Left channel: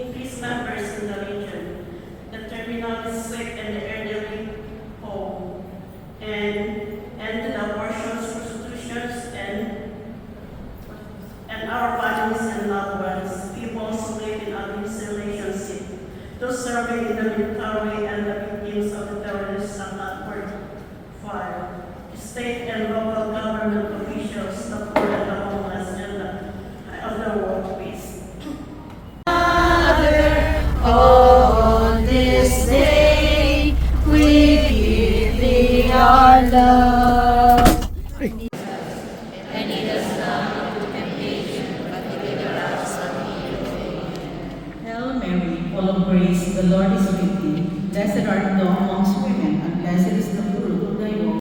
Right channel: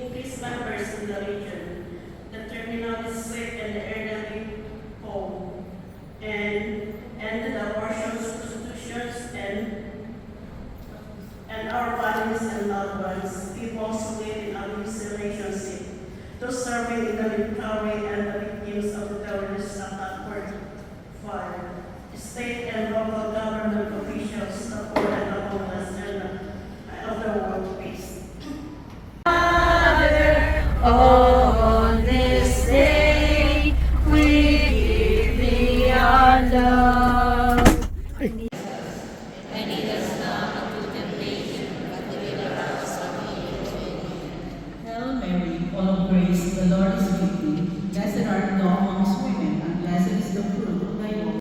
increase members in the region, the terminally sick and the elderly home, and the abortions, prostitutions, and our families and loved ones, people who live in abusive relationship, those serving in the military and the victims of the terrorist attack were fired. State and local government officials, the poor and the homeless, and of the world peace. On this day, we give thee our love. And lead us not into temptation, but deliver us from evil. Hail Mary, full of grace, the Lord is with thee. Blessed art thou amongst women, and blessed is the fruit of thy womb.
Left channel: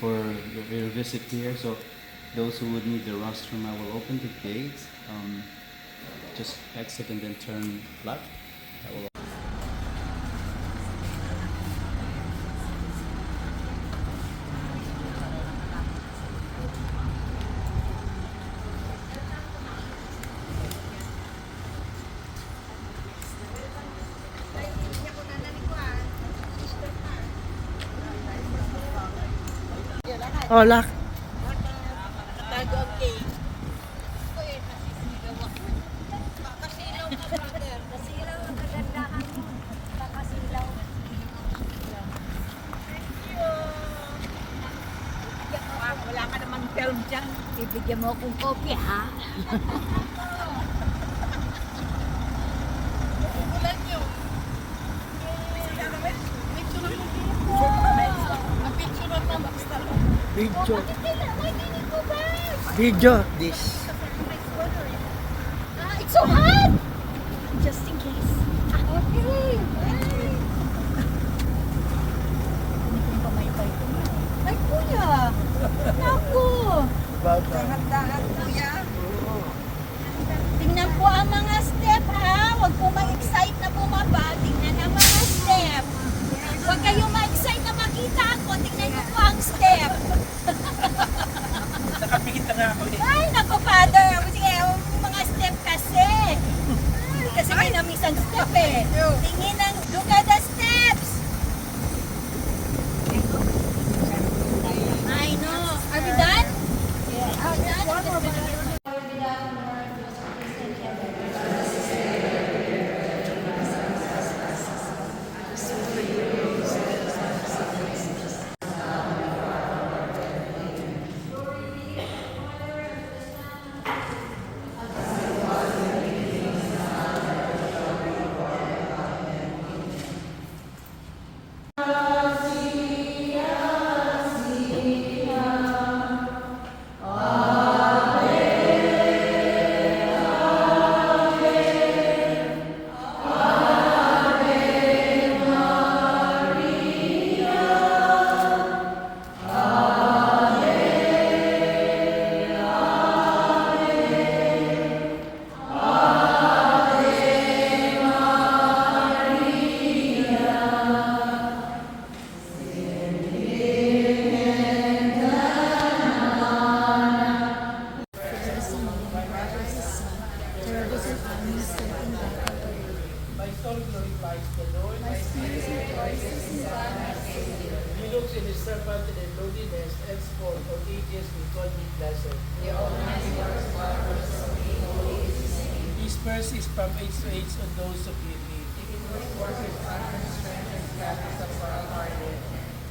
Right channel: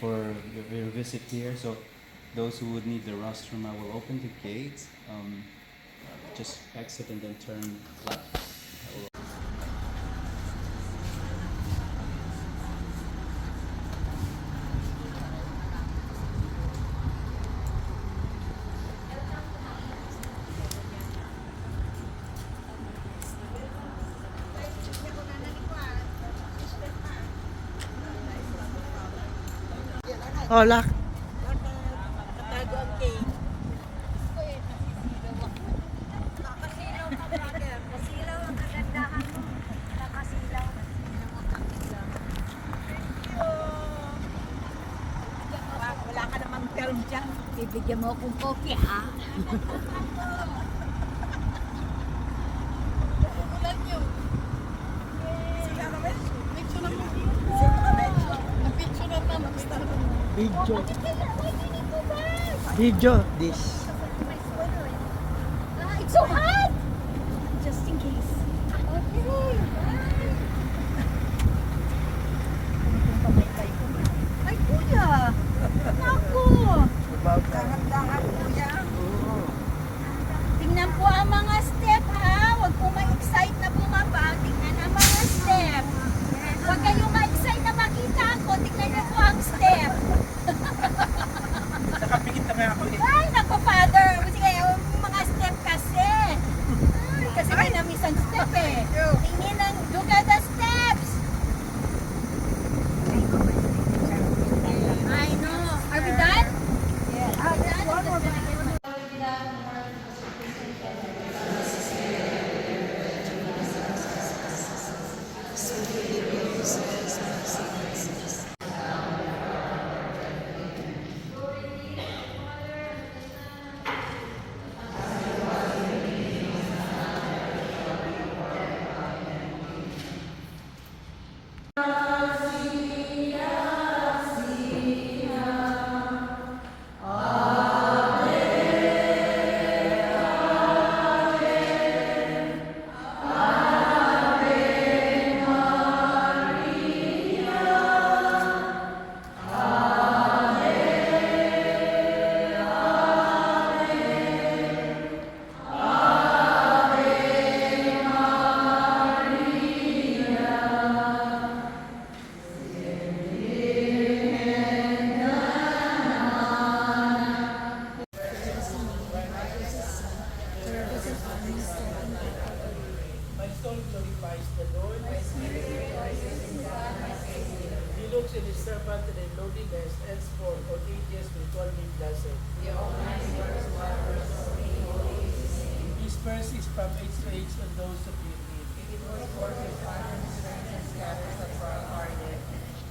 For your visit here. So those who would need the rostrum, I will open the gates. Just exit and then turn left. Oh, lock. Nakatago ang cake. Ako eh, nasisilaw ako. Kakasilaw ka, brother. Kasilaw ang kagandahan mo. Kakasilaw. Thank you. Wala ka naman film dyan. Bibigyan mo akong kopya, ha? Ulan nyo. Sila kami? Picture naman. Picture naman. Video. Video. Video. This. It's so hot! Just in case. Okay. Kung pamaypay ko. Ay, kuya! Naku! Dahan-dahan, kuya. Tingnan po ang mga step, ha? Huwag po ma-excite na bumaba. Tingnan ang mga step. Huwag kayong ma-excite na makita ako. Tingnan niyo po ang step. Nakapikita nga ako. Ay, naku, father. Sige, mga step kasi. Kasi may namisang step eh. Tingin ang, look at the steps. I know. Are we done? Yes. Are we done? I'm just gonna get my... My soul glorifies the Lord. My spirit rejoices in God my Savior. He looks in his servant in their lowliness, henceforth for ages will call me blessed. The Almighty works wonders for me, holy is his name. His mercy is from age to age on those who fear me. He will work with honor and strength and scatters the far apart.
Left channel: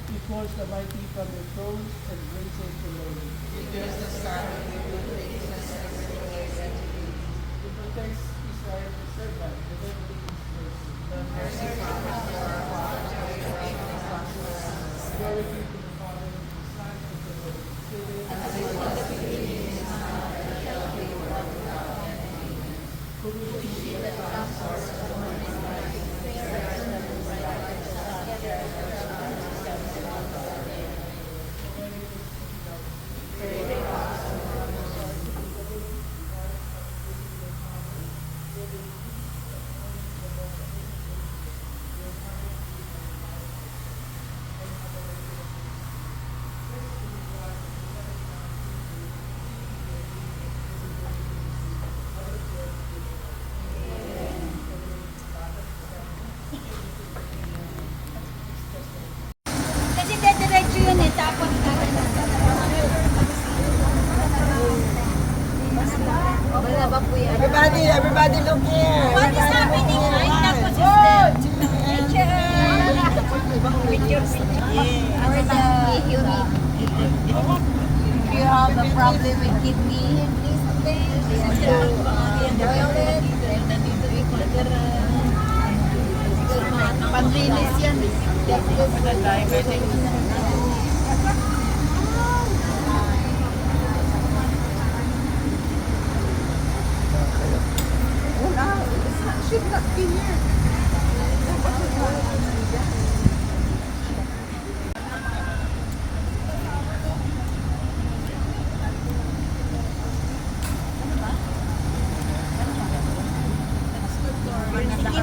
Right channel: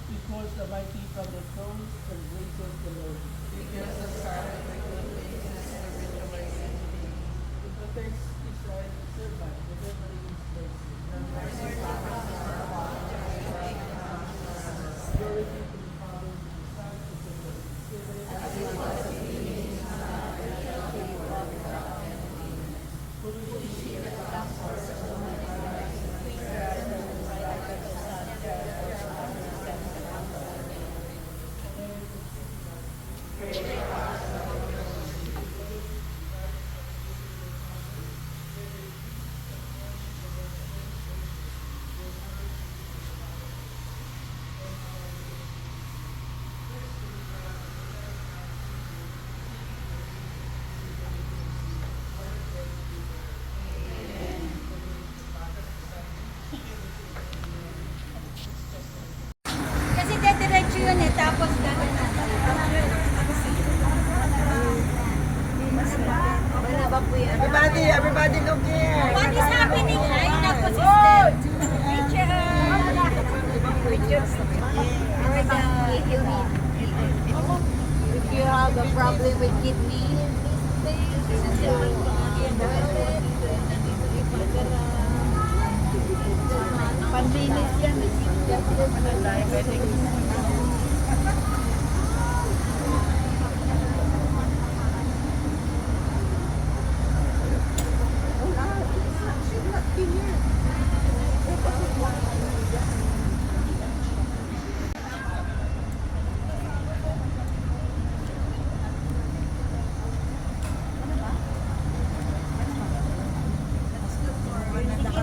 He calls the mighty from the throne and raises the lowly. He protects Israel, his servant, remembering his mercy. Glory be to the Father, to the Son, and to the Holy Spirit. Kasi dediretso yun eh, tapos Everybody look here. what is happening right now? Picture! If you have a problem with kidney, Pambilis yan. Sige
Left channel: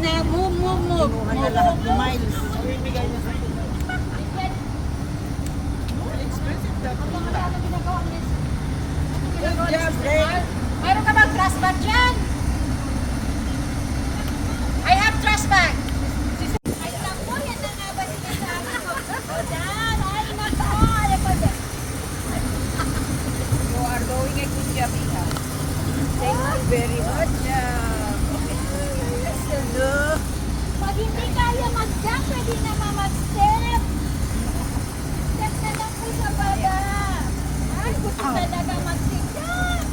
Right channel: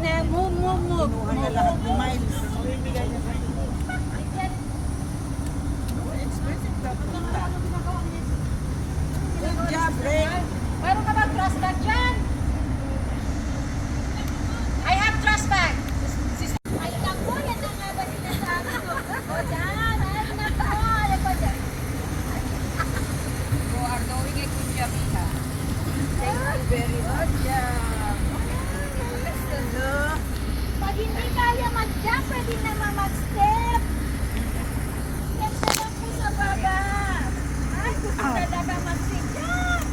na, move. Mayroon ka bang trash bag dyan? I have trash bag. Ay, naku, yan na nga ba sinasabi mo? O, Dan, ay, naku, ano ba dyan? You are doing a good job, Ika. Thank you very much. Pag hindi kaya mag-jump, pwede naman mag-step. Step na lang po sa baba. Ay, gusto talaga mag-jump.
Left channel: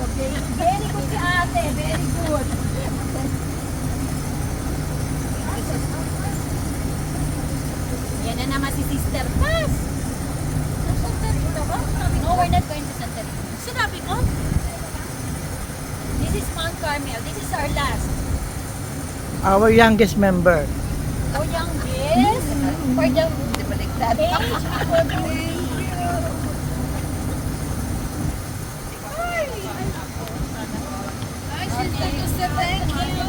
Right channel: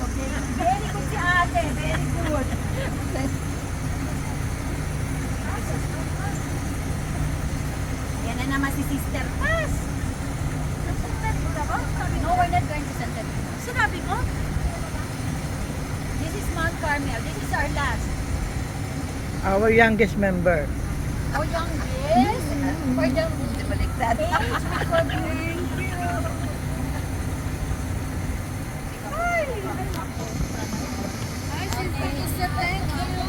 Okay, very good si ate, very good. Yan na naman si Sister Paz. No, we're not going to Santa Rita. Sinabi ko? This is Mount Carmel. This is our last. Our youngest member. Our youngest. For the age. For the thank you.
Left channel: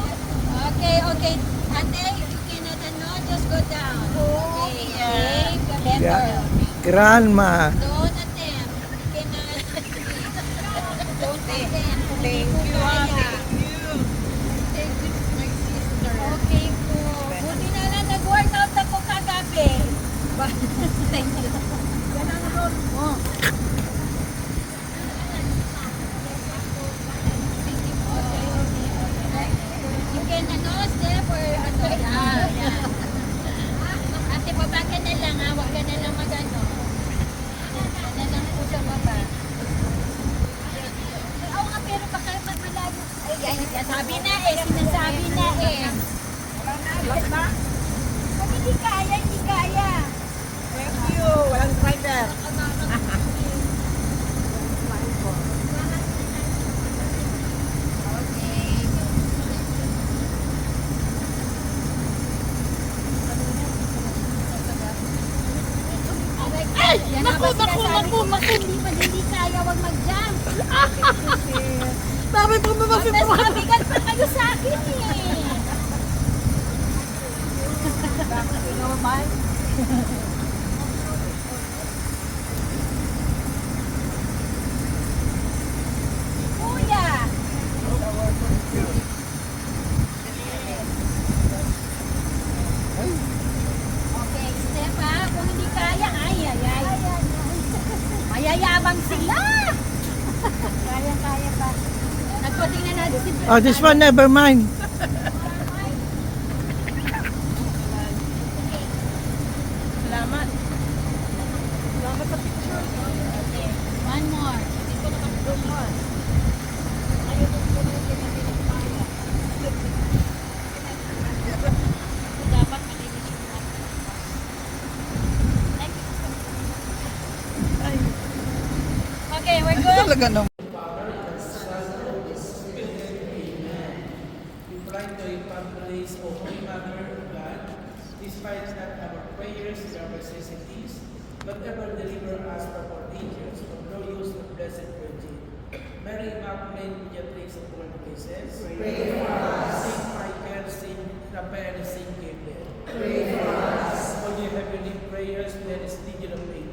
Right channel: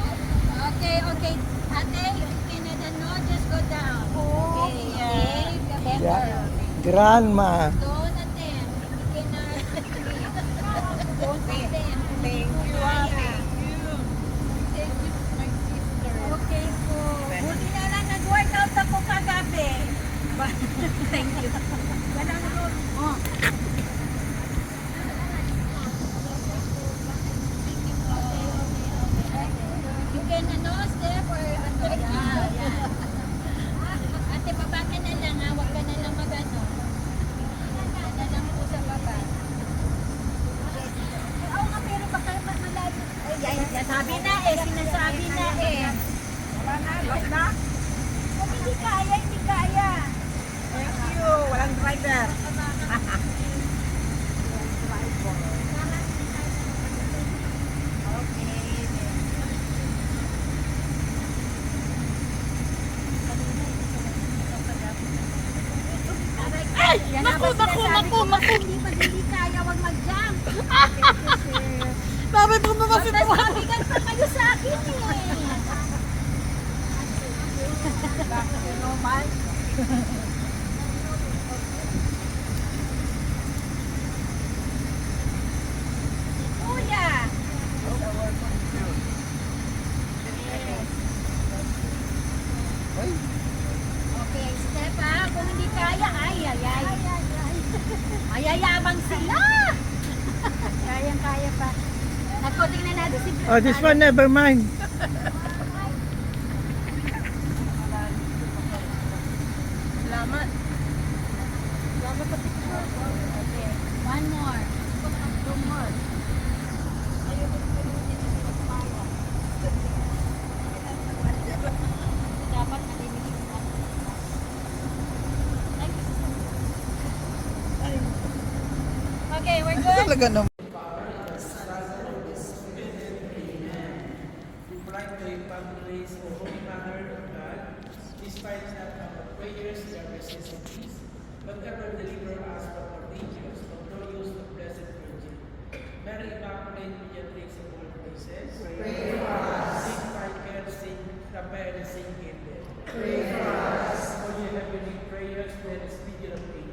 Okay. Ate, you cannot just go down. Okay. Bend Yeah. down. Grandma. Don't attempt. You cannot. Don't attempt. Thank you. Thank you, my sister. Okay po. Buti na lang nag-workout ako kagabi. Thank you. Ganang roll mo. You can step or yan. Ate, baba ka na lang ha. Huwag ka na lang mag-ano. Na lang po sa baba. Oo nga, pero baka pag malalim. Ay, sabi na eh. Sinasabi na eh. Wala na? Pag hindi kaya, hindi kaya. Thank you. Walang driver. Okay. Ay! Naku! Hindi kaya, wag mag-jump. Sabi ko mo kasi Mas mabigat pa kayo sa akin eh. normal. Kuya! Okay, step ha. Kung hindi kaya, ay. Mayayabang sila. Kaya pa. At kung tingnan natin si Oh, this one never mind. Talaga naman. We pray to your families, O Holy Mother of God, despite not our prayers and our necessities, but ever deliver us from our dangers, from glorious and blessed Virgin. Mary Immaculate, mediatrix of all graces, pray for us. Saint Michael, Saint Raphael, and Saint Gabriel, pray for us. For your heavenly prayers, let us legion of angels.